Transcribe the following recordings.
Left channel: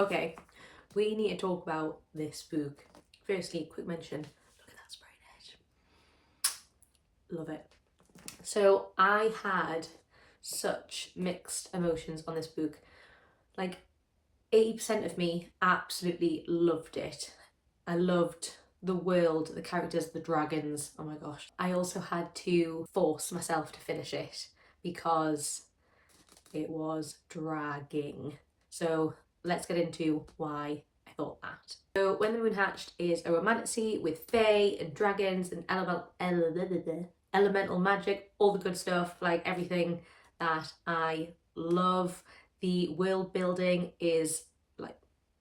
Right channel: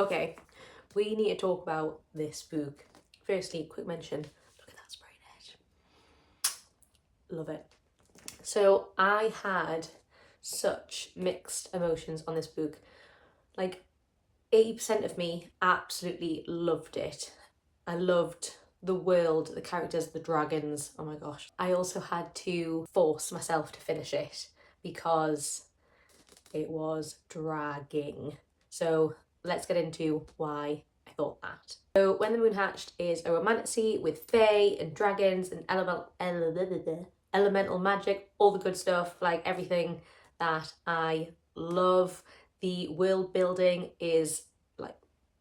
Okay, we need to talk about this book. Firstly, quick mention, look at that spray edge. Love it. So I had such mixed emotions on this book. Like 80% of me absolutely loved it. I loved the world, the characters, the dragons. Oh my gosh. I also had to force myself to finish it because it was dragging. So let's get into why I thought that. So When the Moon Hatched is a romantasy with fae and dragons and elemental magic, all the good stuff, like everything that I love. The world building is like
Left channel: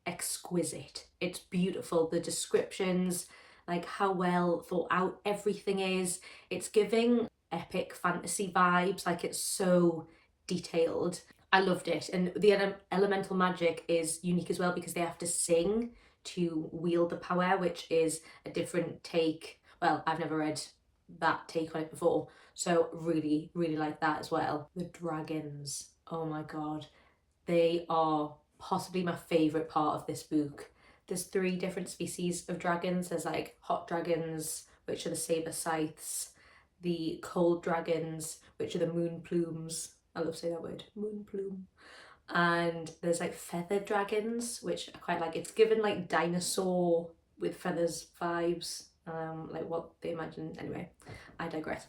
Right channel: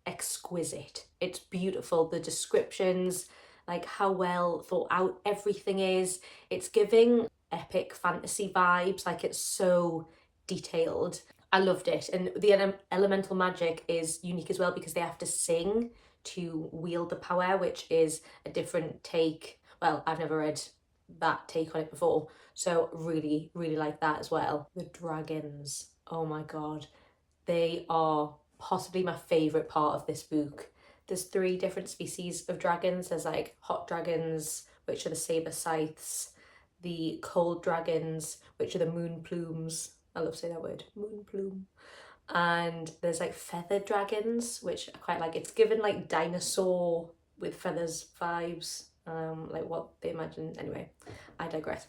exquisite. It's beautiful. The descriptions, like how well thought out everything is. It's giving epic fantasy vibes. Like it's so detailed. I loved it. And the elemental magic is unique as well because they have to sing to wield the power, which is a different take. Well, I've never read that take on it before, so really like that as well. The dragons, oh my god, they are possibly my favourite part of this book. There's 3 different species of dragons. There's like hot dragons, which are the saber scythes, the cold dragons, which are the moon plumes. I love saying that word, moon plume. And there's like feathered dragons, which I quite like. It's given like dinosaur with feathers vibes, like what they imagine. Anyway, I digress.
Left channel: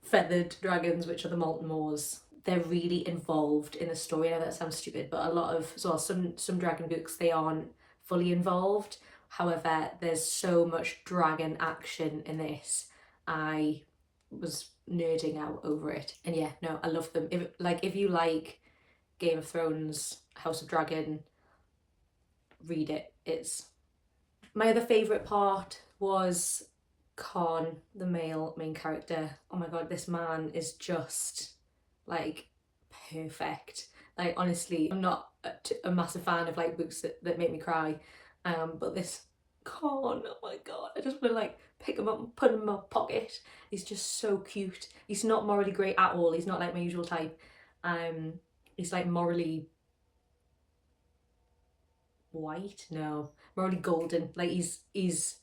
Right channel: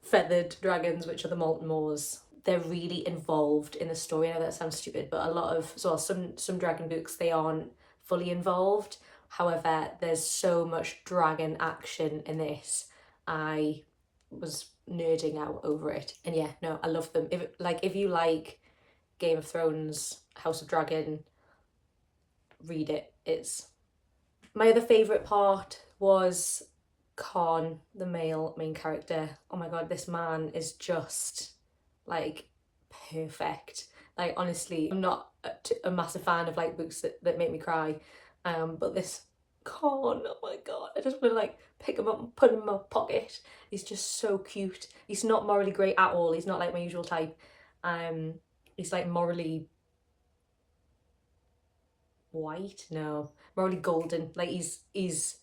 Feathered dragons, which are the molten moors. They're really involved in the story. I know that sounds stupid, but a lot of, so some dragon books, they aren't fully involved. However, there's so much dragon action in this. I was nerding out over it. And yeah, no, I love them. If you like Game of Thrones, House of Dragon, read it. It's my other favourite part was Khan, the male main character. Oh my god, this man is just like perfect. Like honestly, I'm not a massive fan of like books that make me cry, but this Khan, oh my god, I just want to like pick him up and put him in my pocket. He's just so cute. He's not morally great at all. He's not like my usual type. He's like morally white, no, morally golden. Like he's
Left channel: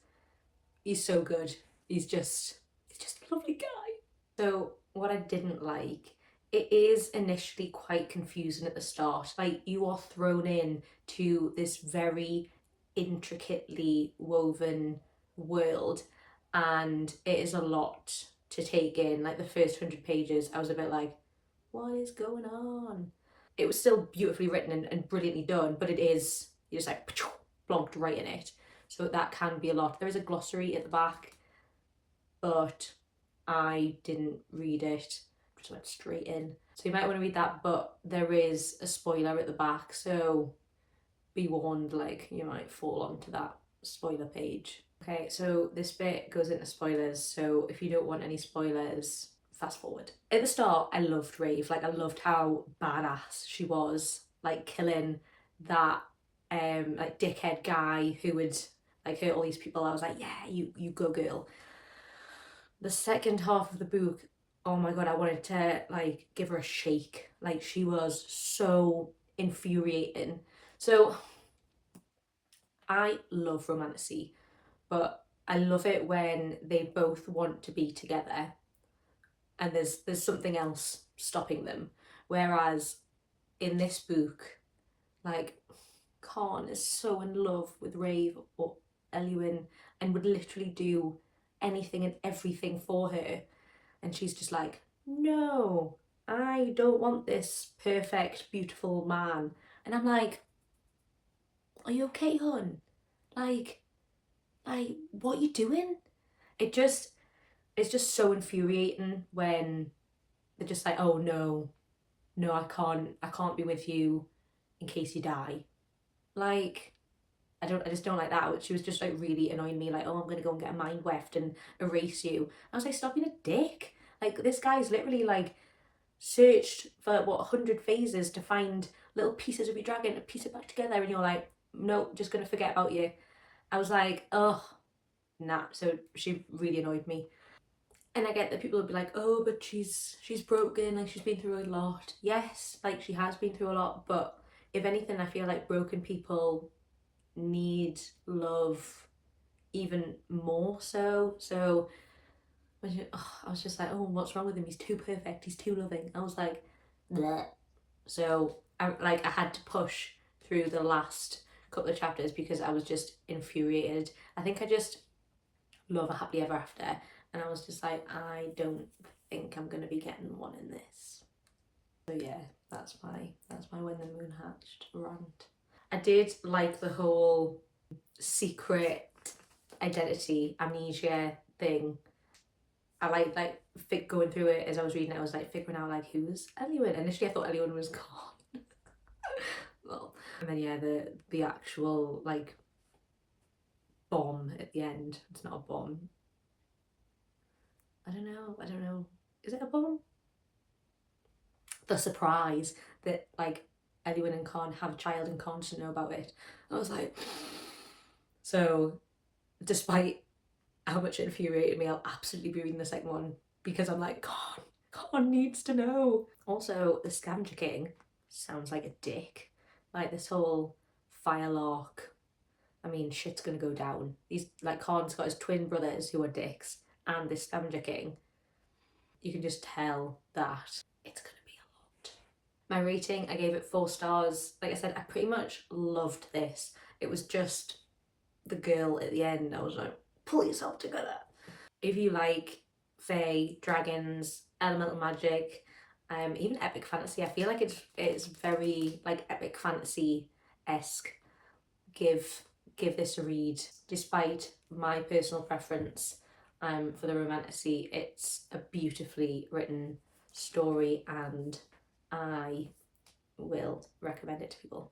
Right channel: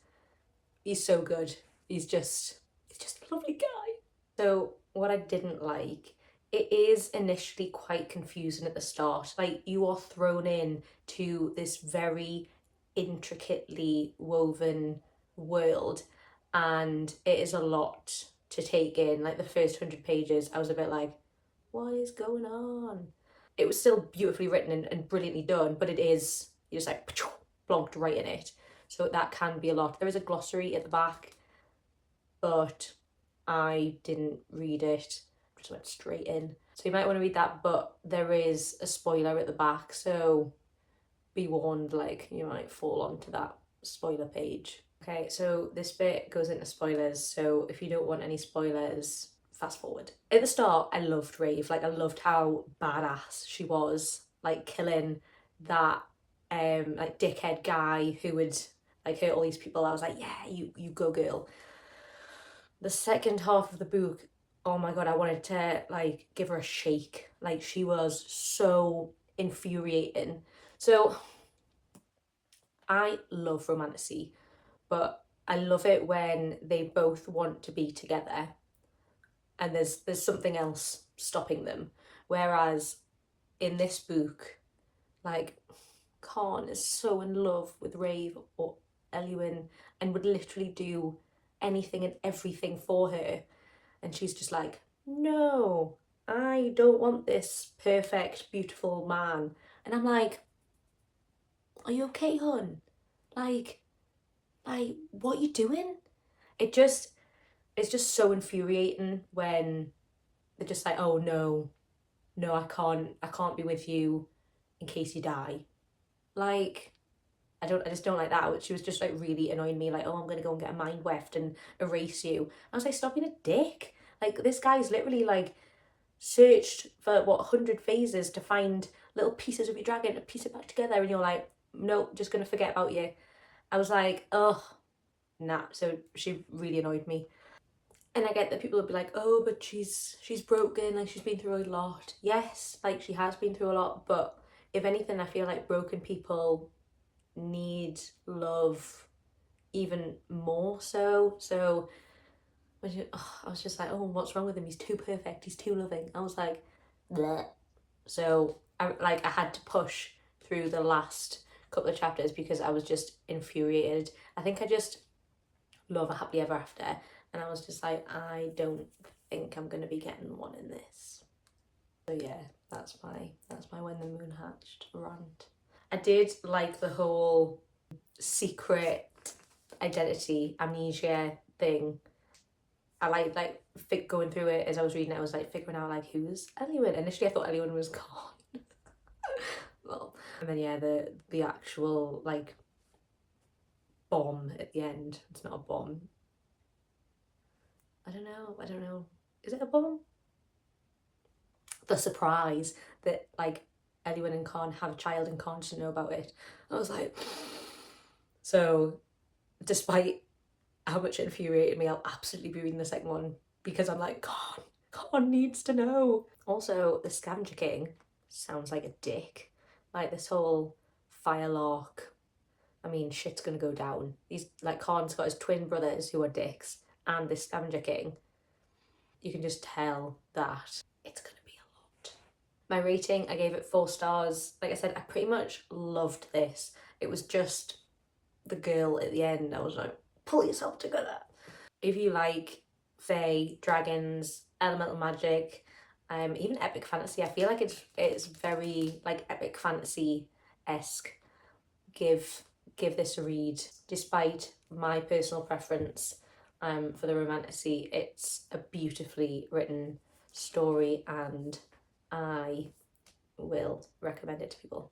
so good. He's just a lovely guy. So what I didn't like, it is initially quite confusing at the start. Like you are thrown in to this very intricately woven world, and it is a lot to take in. Like the first 100 pages, I was a bit like, what is going on? It was still beautifully written and brilliantly done, but it is, you're just like blonked right in it. So that can be a lot. There is a glossary at the back, but I didn't read it, just went straight in. So you might want to read that, but there is a spoiler at the back, so be warned, like you might fall onto that spoiler page. Okay, so this bit goes into spoilers, so if you don't want any spoilers, fast forward. At the start, I loved Rave. Like I loved how badass she was, like killing that like dickhead guy who would like hurt all these people. I was like, yeah, you go girl. The second half of the book, oh my god, I wanted to like give her a shake. Like she was so infuriating. So I love romantasy, but I love it when they both want to be together and there's something else stopping them. Whereas in this book, like Khan is so in love with Rave or Elwyn and would literally do anything and everything for her, and she's just like, no, I don't want this perfect beautiful man. And I'm like, are you okay, hun? Like what are you doing? It's just so infuriating when they're just like, oh no, I can't be with you in case you die. Like I just don't like that. She was just like really annoying me, like, oh, I'm gonna go and get a mind weft and erase you. I was like, stop being a dick. Like this guy's literally like searched for what 100 phases to find little pieces of your dragon to piece it back together, and you're like, nope, just gonna forget about you. I was like, ugh, nah. So she really annoyed me. And I get that people would be like, oh, but she's broken, like she's been through a lot. Yes, like she has been through a lot, but if anything, I feel like broken people need love even more so. So I was just like, oh, what's wrong with him? He's too perfect. He's too loving. I was like, bleh. So I had to push through the last couple of chapters because I was just infuriated. I think I just love a happily ever after, and I was just like, I don't think I'm gonna be getting one in this. So yeah, that's my when the moon hatched rant. I did like the whole secret identity amnesia thing. I like going through it as I was reading it. I was like figuring out like who's Eluin. Initially, I thought Eluin was gone. Well, and then yeah, the actual like bomb at the end. It's not a bomb. I don't know. Is it a bomb? The surprise that like Eluin and Con have a child and Con doesn't know about it. I was like, so despite how much it infuriated me, I'll absolutely be reading the second one because I'm like, Con needs to know. Also, the Scavenger King sounds like a dick. Like this whole Firelock. I mean, shit's gonna go down. He's like, Con's got his twin brothers who are dicks, and this Scavenger King. You can just tell that it's gonna be a lot. My rating, I gave it 4 stars. Like I said, I pretty much loved this. It was just the girl at the end. I was like, pull yourself together. If you like fae, dragons, elemental magic, even epic fantasy, I feel like it's very like epic fantasy-esque. Give this a read. Despite my personal preference for the romantasy, it's a beautifully written story and I will recommend it to people.